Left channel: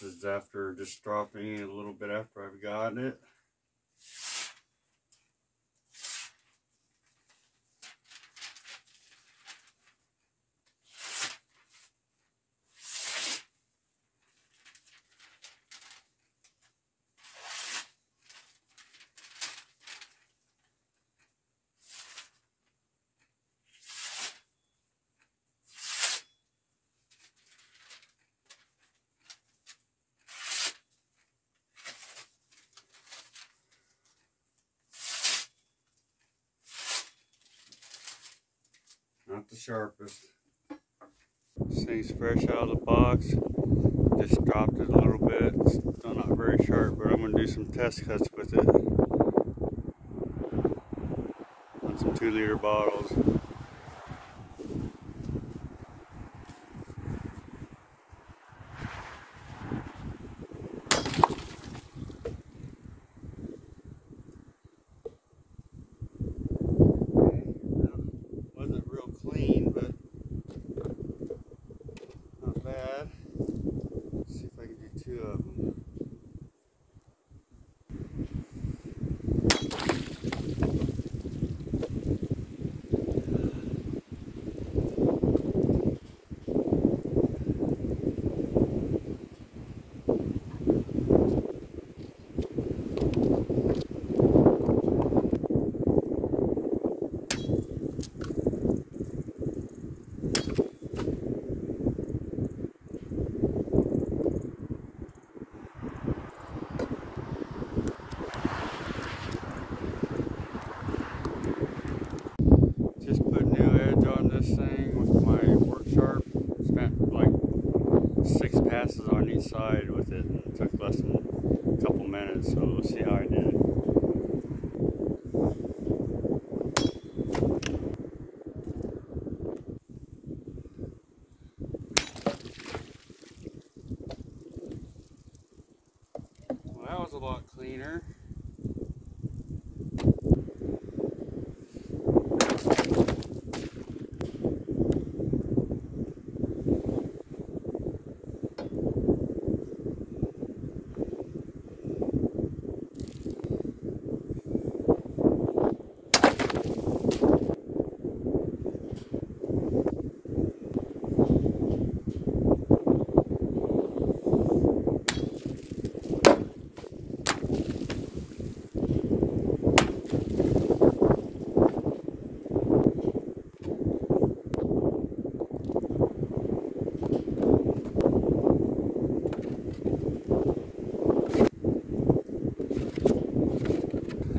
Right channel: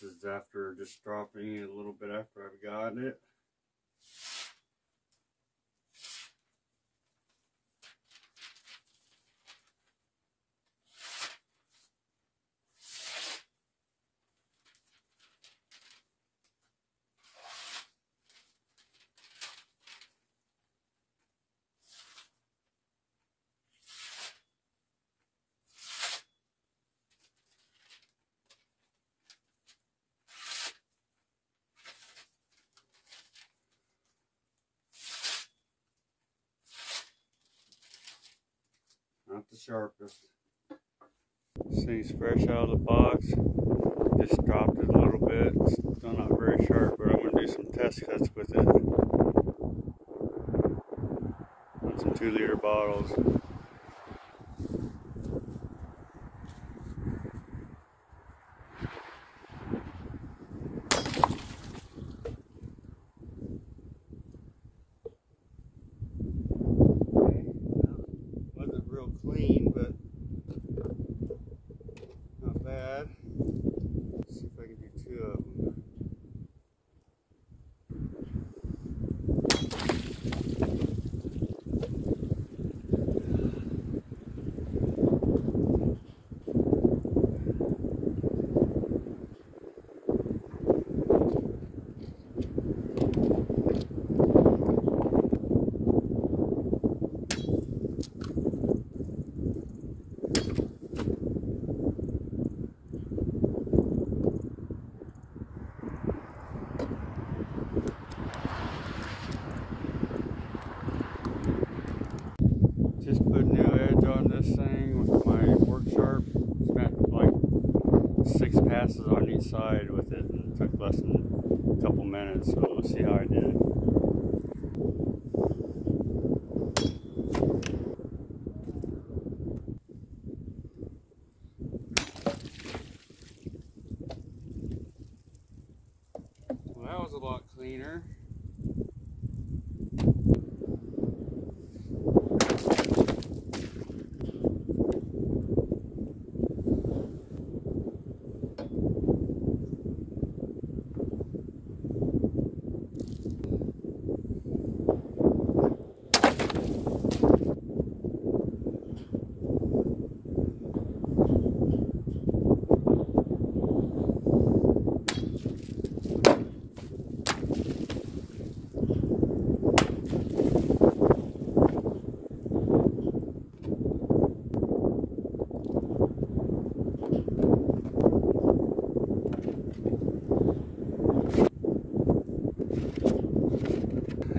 This is after just dropping it a little bit after I've gotten it. Not the sharpest. This thing's fresh out of the box. Just dropped it a little bit. It's still not very sharp, but I'm going to do some test cuts with it on some 2-liter bottles. Wasn't real clean, but not bad. Let's see if I can do 2 of them. Just put a new edge on this thing with my work sharp. Spent like 6 passes on each side with it, and it took less than a couple minutes, so let's see how I did. Well, that was a lot cleaner.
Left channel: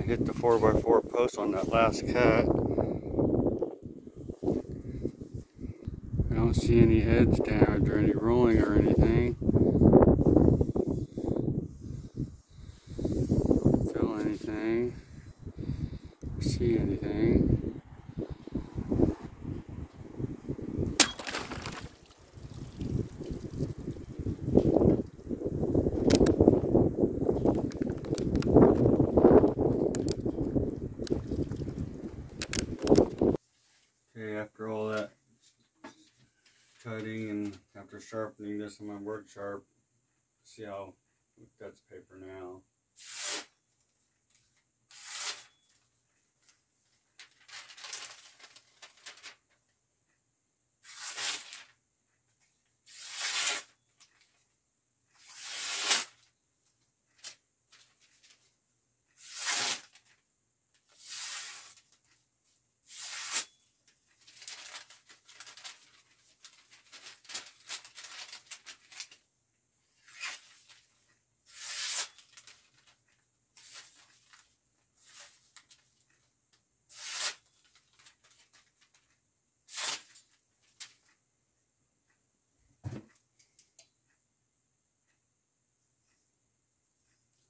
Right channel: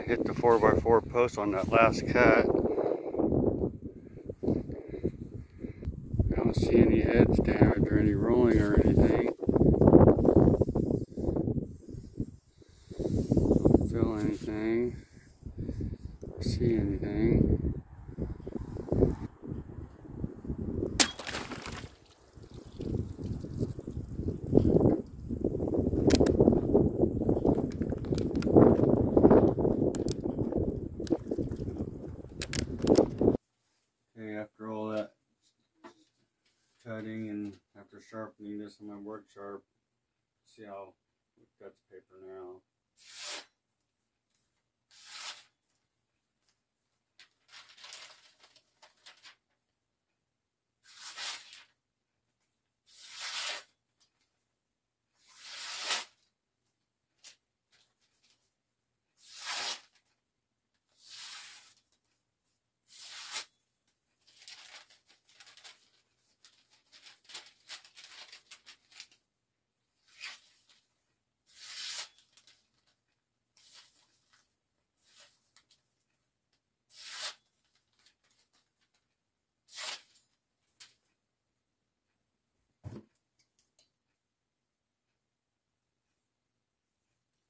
Hit the 4x4 post on that last cut. I don't see any edge damage or any rolling or anything. Don't feel anything. See anything. Okay, after all that cutting and after sharpening this on my work sharp, see how it cuts paper now.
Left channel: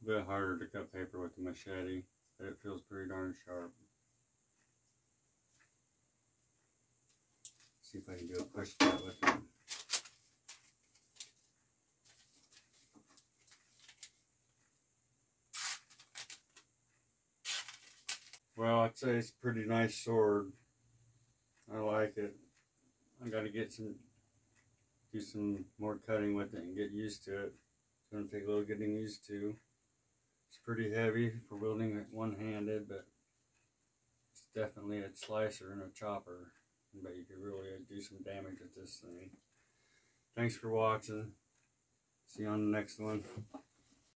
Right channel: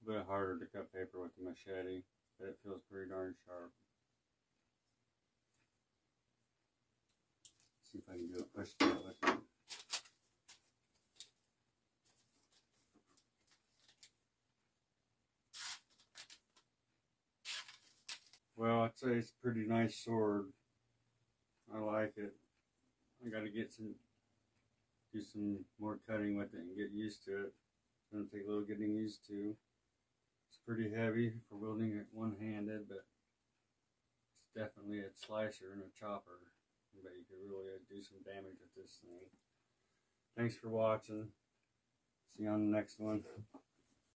A bit harder to cut paper with the machete, but it feels pretty darn sharp. See if I can do a push cut with it. Well, I'd say it's a pretty nice sword. I like it. I got to do some more cutting with it and get used to it. Gonna take a little getting used to. It's pretty heavy for wielding it one-handed, but it's definitely a slicer and a chopper. But you could really do some damage with this thing. Thanks for watching. See you on the next one.